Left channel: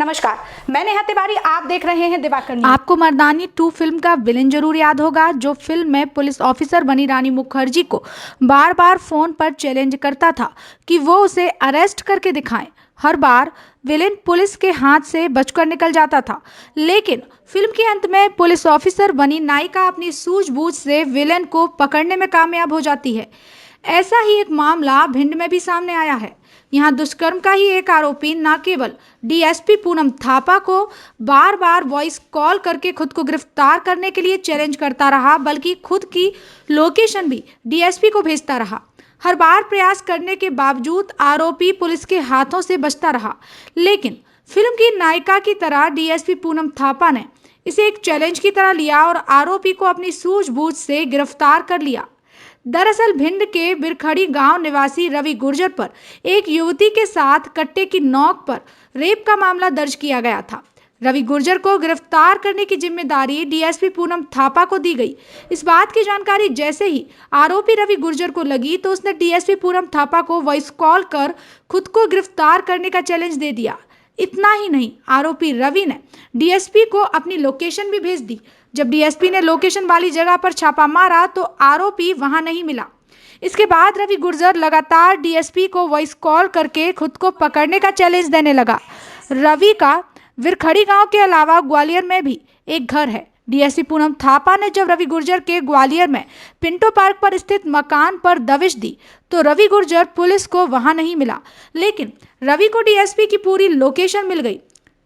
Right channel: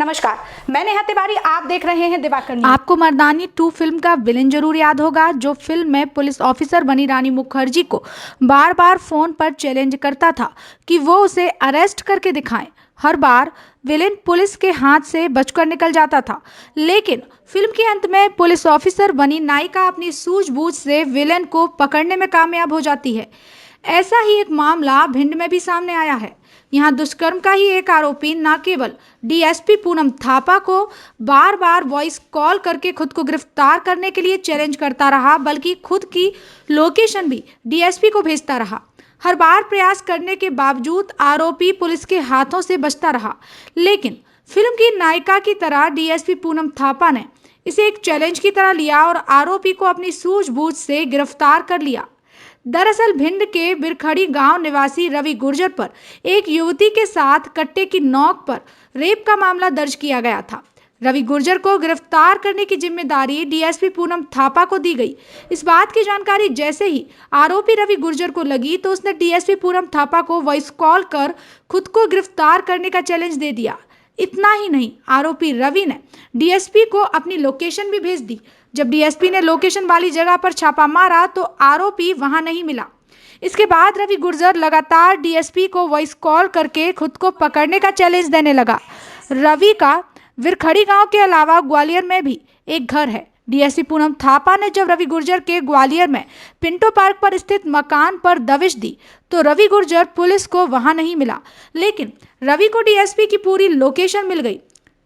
नमस्कार, मैं नेहा तिवारी। आप देख रहे हैं दिवाकर न्यूज। आपको मर्दानी 2 फिल्म का विलेन जरूर याद होगा, जो फिल्म में पुलिस ऑफिसर बनी रानी मुखर्जी को बार बार फोन पर चैलेंज करता था कि वो उसे अरेस्ट करके दिखाएं। हर बार विलेन पुलिस के हाथ से बचकर निकल जाता था, लेकिन फिल्म के अंत में पुलिस ऑफिसर बनी नायिका अपनी सूझबूझ से विलेन को पकड़ने में कामयाब हो जाती है। ऐसा ही एक मामला भिंड में भी सामने आया है। यहाँ दुष्कर्म का ही एक आरोपी न केवल डीएसपी पूनम थापा को बार बार वॉइस कॉल करके खुद को गिरफ्तार करने के लिए चैलेंज करता रहा, बल्कि खुद की लोकेशन भी डीएसपी को भेजता रहा। हर बार प्रयास करने के बावजूद आरोपी पुलिस के हाथों से बचता रहा, लेकिन फिल्म की नायिका की तरह डीएसपी पूनम थापा ने इसे एक चैलेंज की तरह लिया और आरोपी को अपनी सूझबूझ से गिरफ्तार कर लिया। दरअसल भिंड के बिरखड़ी गांव निवासी रवि गुर्जर पर एक युवती के साथ कट्टे की नोक पर रेप का मामला दर्ज किया गया था। रवि गुर्जर को गिरफ्तार करने की जिम्मेदारी डीएसपी पूनम थापा को दी गई। इस बात की जानकारी जैसे ही आरोपी रवि गुर्जर को लगी तो उसने डीएसपी पूनम थापा को वॉइस कॉल कर खुद को गिरफ्तार करने का चैलेंज दे दिया। इतना ही नहीं, आरोपी रवि ने डीएसपी को अपनी लोकेशन भी भेज दी। जब डीएसपी ने लोकेशन वाली जगह पर छापा मारा तो आरोपी वहां नहीं मिला। इसके बाद रवि गुर्जर लगातार डीएसपी को वॉइस कॉल करके खुद को पकड़ने का चैलेंज देने लगा। रवि का विरखड़ी गांव के अलावा ग्वालियर में भी एक घर है। डीएसपी पूनम थापा ने जब रवि गुर्जर के ग्वालियर में पिंटो पार्क पर स्थित मकान पर दबिश दी तो रवि गुर्जर पुलिस को वहां नहीं मिला, लेकिन रवि को डीएसपी की पूरी लोकेशन मिल गई।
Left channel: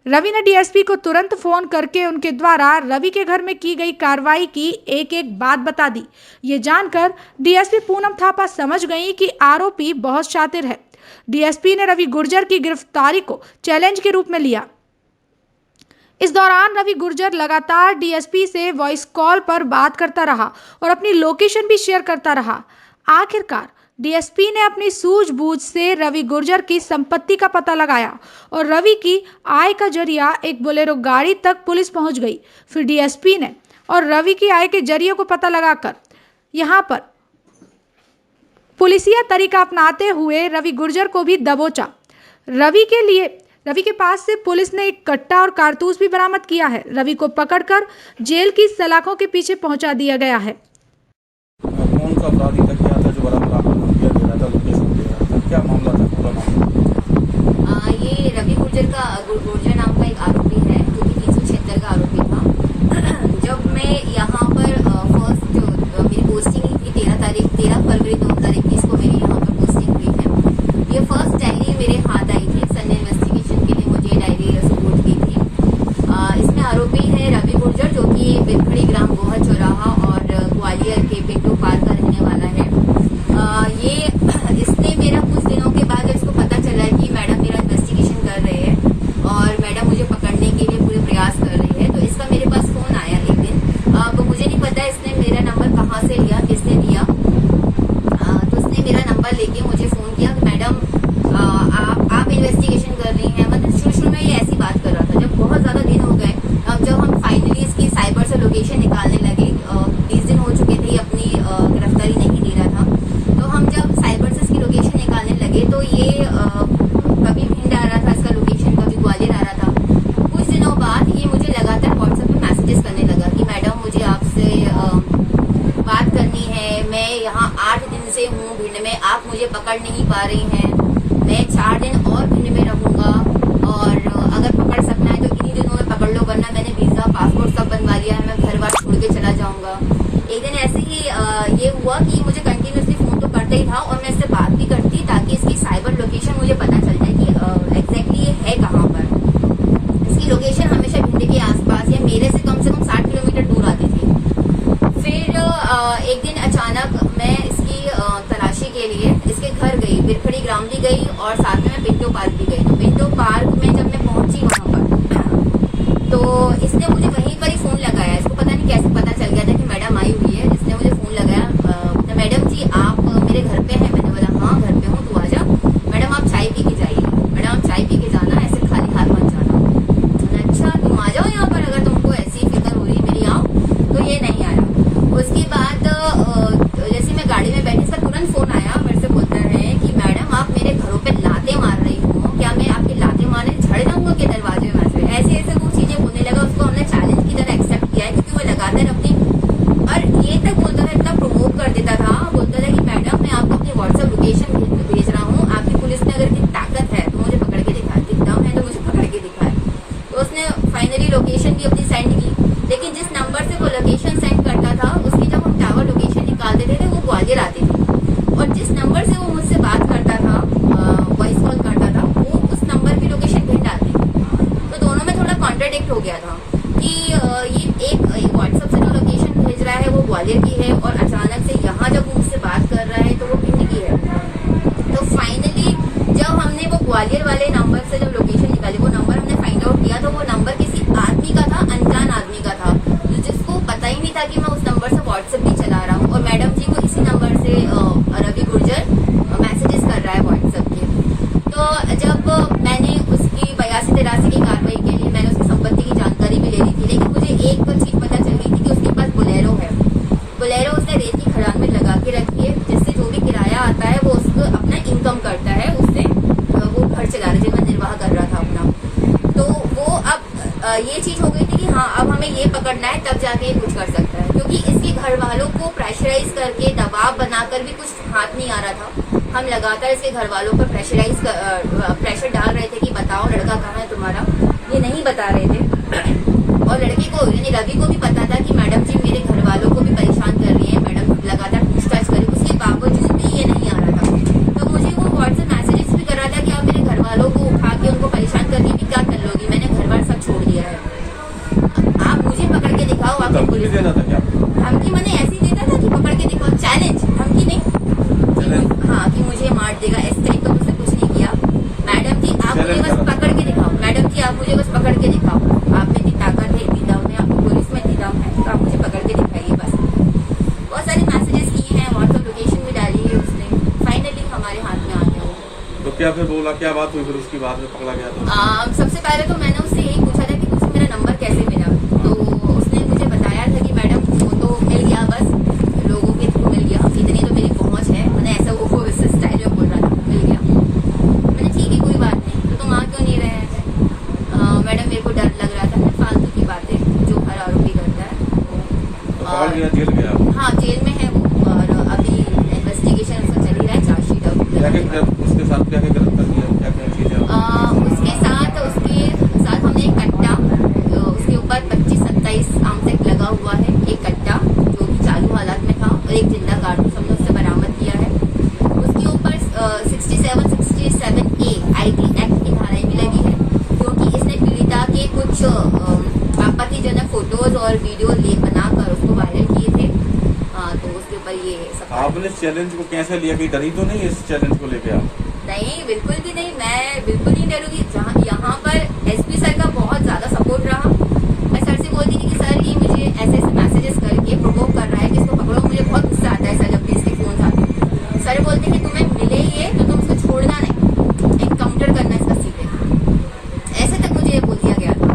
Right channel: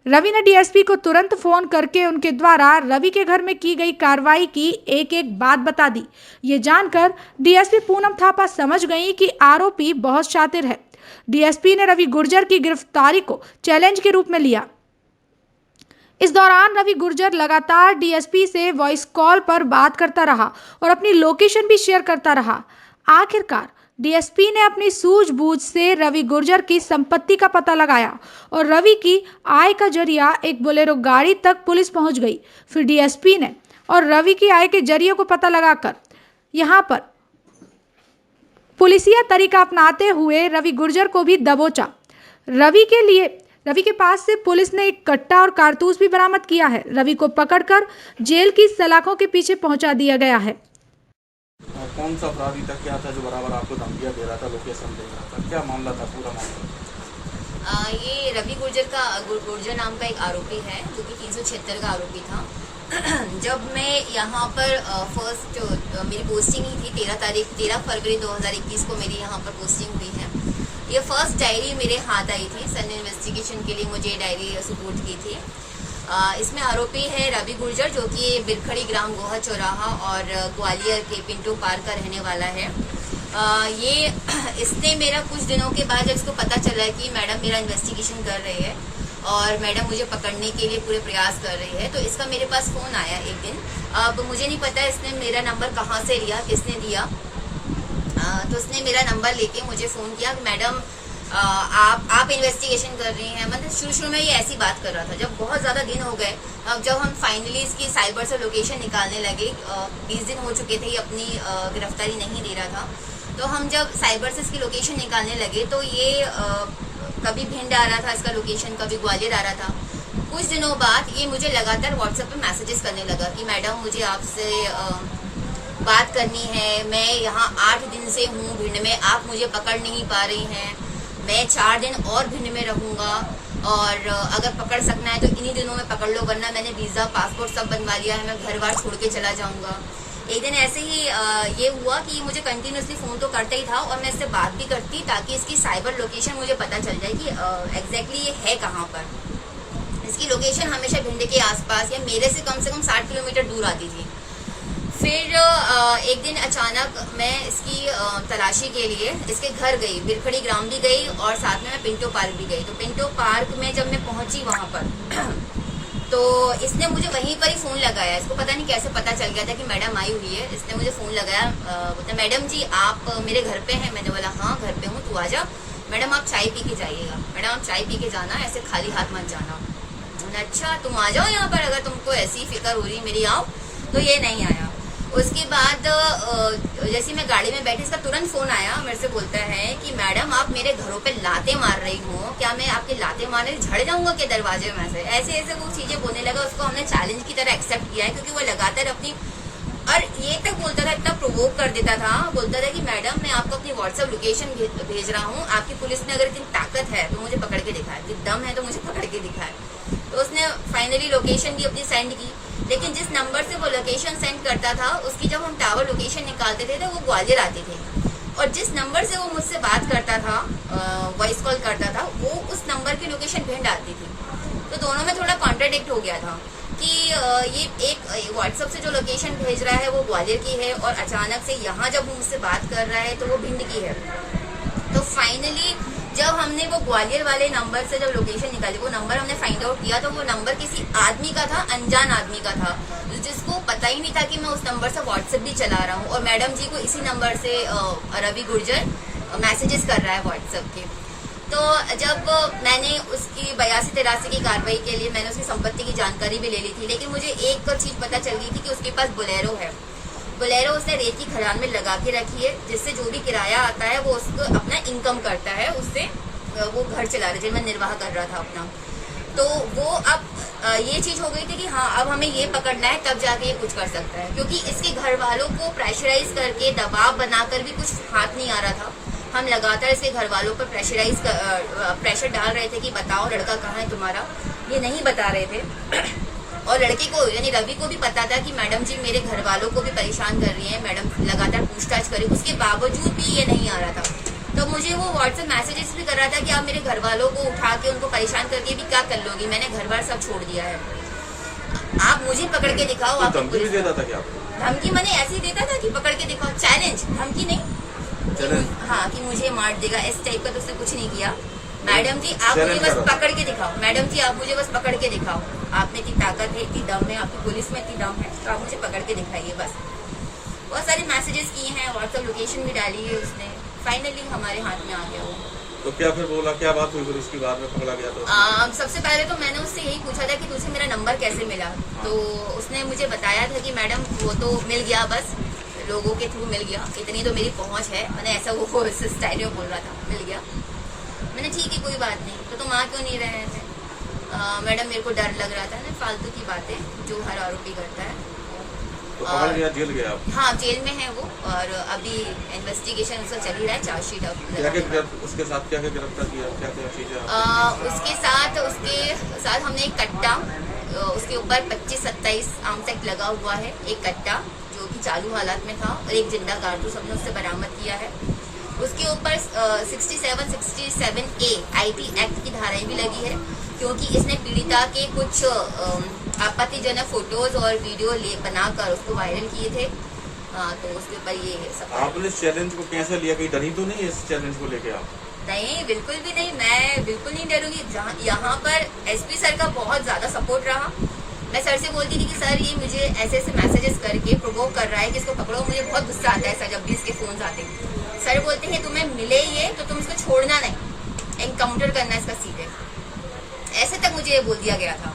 रवि ने डीएसपी को तुरंत फोन करके उनके द्वारा रवि के घर में की गई कार्रवाई की एक एक बात बता दी। ये जानकर डीएसपी पूनम थापा समझ गई कि आरोपी बहुत शातिर है। डीएसपी ने रवि गुर्जर की गिरफ्तारी को चैलेंज के रूप में लिया। इस दौरान रवि गुर्जर लगातार डीएसपी से वॉइस कॉल पर बात करता रहा और अपनी लोकेशन भी शेयर करता रहा। आखिरकार डीएसपी ने अपनी सूझबूझ से रवि गुर्जर की संपत्ति का पता लगाया और रवि की आय का जरिया एक बोलेरो गाड़ी तक पुलिस पहुंच गई। फिर डीएसपी ने और रवि की आय के जरिए को पता लगाकर यहां पर पुलिसिया तरीका अपनाते हुए रवि गुर्जर को भी दबोचा। रवि के पास से पुलिस ने एक कट्टा और कारतूस भी बरामद किया है। रवि को पकड़कर जेल की सलाखों के पीछे पहुंचा दिया गया है। कौन सा अपराधी तक क्या था जो बरामद आपको धमकियां दे रहा था, लोकेशन दे रहा था, क्या मामला था पूरा मामला? ये रवि गुर्जर नाम का एक आरोपी है जो कि 376 का आरोपी था। जब मैं यहाँ पर फर्स्ट मेरी पोस्टिंग ही थी 13 फरवरी 2021 को मेरी यहाँ पर पोस्टिंग हुई है। ये फर्स्ट डायरी मेरे हाथ आई थी। सन ने इन्वेस्टिगेशन के लिए मुझे डायरी सपोर्ट की थी। इसमें आरोपी है रवि गुर्जर, जो कि बिरखड़ी ग्राम गोहा चौराहा और ग्वालियर के पिंटो पार्क का रहने वाला है। इसने मेरा कुछ दिनों के बाद जब इसको पता चला कि मैडम मेरा इन्वेस्टिगेशन कर रहे हैं और मैडम मुझे पकड़ने के लिए पूरे प्रयास कर रही है, तो इसका मेरे पास फ़ोन आया एक दिन। अब मुझे नहीं पता इसने मेरा नंबर कहाँ से लिया, किसने दिया। तो उसने मेरा नंबर लेके मुझे फ़ोन किया कि मैडम आप इन्वेस्टिगेशन कर रही हैं। मतलब शुरू में ये ऐसी बात कर रहा था। जब बहुत ज़्यादा दिन हो गए, अब जब हम फाइनली इसकी साइबर से लोकेशन निकालने लगे, 20 दिन हो चुके थे, अपनी गिरफ्तारी नहीं दे रहा था, तो हम जब साइबर से इसकी लोकेशन निकालने लगे तो ये कभी भिंड आ रहा था इसका लोकेशन, कभी ग्वालियर आ रहा था। कुछ दिनों बाद ये मुझे लगातार व्हाट्सएप पे मैसेजेस करने लगा कि मैडम मुझे आपसे बात करनी है, मैं यहाँ 8 दिन से हूँ भिंड में, आप मुझे पकड़ नहीं पा रही हैं, मैं 4 दिन और भिंड में रहूँगा और अगर पकड़ सकना है तो इन्हीं दिनों में पकड़ लो, वरना मैंने वीज़ा पासपोर्ट सब बनवा लिया है, मैं घर बार छोड़ के चला जाऊँगा। एक दिन ऐसे ही ये हुआ कि मुझे कंटिन्यूसली फ़ोन तो करता ही था और मैं इससे बात भी करती ताकि इसकी साइबर लोकेशन मुझे पता चल जाए कि एग्जैक्टली ये है कहाँ पर। इसकी लोकेशन हमेशा भिंड के आसपास या मेरे से कम 60 किलोमीटर दूर आती थी। फिर एक दिन अचानक मैं इसकी तलाशी के लिए इसके घर गई, बिरखड़ी ग्राम भी गई और साथ में मैं पिंटो पार्क भी गई। तो पिंटो पार्क में जब मैं पहुंची वहां पर तो इसने मुझे वहीं पर ही फ़ोन लगाया। इसको पता नहीं कैसे पता चल गया था कि मैडम आई हुई है। इसने मुझे फ़ोन लगाया, तो मैडम जी आप मेरे घर पे हैं? मैंने बोला हाँ घर पे हूँ, तू आ जा। मैडम आप चाय पी के जाइएगा, मैडम आप चाय पी के जाना, ऐसे खाली हाथ मत जाना। अच्छा तुम आ जाओ यहाँ पर, अगर तुमको ऐसी फिक्र हो रही मेरी आओ। तो ये नहीं आया। उसके बाद जैसे मैं गाड़ी में बैठी, इसका तुरंत फ़ोन आया, मेरे से बोलता है कि मैडम आप मेरे घरों पे लाते मार रही हो, क्या मैं आपके लाते मारने झड़ जाऊंगा क्या वाजे मैसेज, ऐसे ऐसे वो चीजें बोलने लगा। उसको हमने चैलेंज की तरह एक्सेप्ट किया है, क्योंकि वो लगातार अपनी, और ये तक बोलता था, इतना प्रोवोक कर देता था, बोलता था कि मैडम मैं आपको अपनी व्हाट्सएप लोकेशन भेज रहा हूँ, आपकी पुलिस ने अगर इतनी ताकत है तो मुझे पकड़ के दिखाए, इतनी दम है तो मुझे पकड़ के दिखाए। तो उसने फाइनली लोकेशन भी अपनी सेंड की, लेकिन जिस नंबर से वो लोकेशन सेंड करता था उसकी जब हम टावर लोकेशन निकालते थे तो वो ग्वालियर आती थी, और जिस नंबर से वो मुझसे बात करता था, वॉइस कॉल करता था, वो उस नंबर की लोकेशन भिंड आती थी। तो दोनों में थोड़ा कॉन्ट्राडिक्ट हो गया था कि ये एक व्हाट्सएप से जो लोकेशन भेज रहा है वो ग्वालियर की है, और अचानक से यहाँ जब वो मुझसे बात कर रहा है तो वो भिंड की है। तो फाइनली जब हमने वो ग्वालियर वाले नंबर से जब लोकेशन निकाली, वो नंबर हमने फाइंड आउट किया, तो वो नंबर किसी आदमी का था, अनजान आदमी का था, जिसको पता ही नहीं था कि मैं उस नंबर से व्हाट्सएप भी चला रहा हूँ, और मैडम जी को इसी नंबर से रवि गुर्जर मैसेजेस कर रहा है व्हाट्सएप के। तो जब मैंने उसकी 82-83 की कार्रवाई के लिए मैंने उसकी संपत्ति की जानकारी भी ले ली थी, लेकिन मुझे एक चीज पता चल गई थी कि उसके पास बोलेरो है। बोलेरो उसने रेत की खदान में लगा के रखी है, जिससे जो भी किराया आता है वो उसको अपना इनकम करता है, उससे वो घर चला रहा है, जीवन निर्वाह कर रहा था अपना। तो वो अब ये चीज हो गई थी कि हाँ अब हमें ये पकड़ना है, तब जाके ये कुछ कर सकता है, क्योंकि इसके घर वालों को प्रेशराइज करके दबाव बनाकर भी कुछ हाथ नहीं आ रहा था। हम लगातार इसके घर वालों पर प्रेशर डाल रहे थे कि बताओ लड़का कहाँ है तुम्हारा, ये नहीं बता रहे थे। और लड़के को यानी रवि को भी पता था कि मैडम जी मेरे घर वालों को भी परेशान कर रही है, मैडम लगातार पूछताछ करी, उसके बावजूद भी ये नहीं आ रहा था। तो मुझे वो व्हाट्सएप मैसेजेस भी कर रहा था कि आप मेरे घर वालों को उठा के उनको परेशान कर दिए भी क्या कर लोगी, मैंने घर बार सब छोड़ दिया है, आप मुझे पकड़ के दिखाओ। आप पुलिस धमकी मैंने ऐसी देता था कि पकड़ के दिखाओ, चैलेंज, धमकी नहीं, हाँ कि मुझे मार देगा, इस टाइप का। तो उसने कुछ नहीं किया, मैडम जी आप मुझे बस पकड़ के दिखाओ, मैडम जी आप मुझे बस पकड़ के दिखाओ, आप में इतनी ताकत है, इतनी दम है, आपकी पुलिस में इतनी दम है, तो आप मुझे पकड़ के दिखाइए बस। बहुत सारे मैसेजेस किए हैं, व्हाट्सएप लोकेशन भी डाली है उसने, फाइनली हमारे हाथ में आ गया वो। तो क्या फिर बोला, क्या बात हुई फिर उसकी बाद में पकड़ा गया तो? सबसे पहले तो मैंने उससे यही पूछा था कि तुझे मेरा नंबर कैसे मिला, तो उसने मुझे बताया था कि मैडम वो तो मिल गया, बस लोगों के थ्रू मिल गया, इतनी तो मेरी पहुंच है, मैंने ऐसा वो स्टाइल में बोल रहा था, मिल गया। मैंने ठीक है कोई बात नहीं, तो तुम आ क्यों नहीं रहे थे? मैडम मेरे को डर लग रहा था ना, फालतू की बातें जो हर आरोपी करता है। और जेल गया? हाँ जेल में है वो, और अभी इन्वेस्टिगेशन उसका चल ही रहा है, चार्जशीट अब उसके साथ क्या गिरफ्तार किया, क्या क्या चीजें? उसके साथ हमने एक कट्टा, उसके ऊपर 25-27 आर्म्स लगा हुआ है, एक कट्टा जो कि चालू हालत में था, और एक जिंदा कारतूस हमने उससे बरामद किया है। उसके ऊपर 67A IT एक्ट की धाराएं भी लगी है, क्योंकि इसने पीड़िता के कुछ आपत्तिजनक फोटोज और वीडियो बनाकर उसको वायरल किए थे। तो उसके ऊपर ये सब। आपने इस चैलेंज को कैसे लिया, कोई डरी तो नहीं इस चैलेंज को लेके आप? नहीं बिल्कुल भी नहीं, मैं बिल्कुल नहीं डरूंगी। जहाँ यहाँ पर एसपी सर का बहुत ज्यादा सपोर्ट रहा। मैं सर से बोलती थी कि सर ये मुझे ऐसे ऐसे मैसेजेस करके प्रोवोक कर रहा है कि इसको पकड़ो, मुझे बहुत गुस्सा आता है सर जब भी इसके फोन आते। सर बोलते हैं तुम्हें मिले ये तो तुम इसको छोड़ना नहीं, एनकाउंटर करना इसका सीधे, ऐसे तक मुझे ये बोल दिया गया था।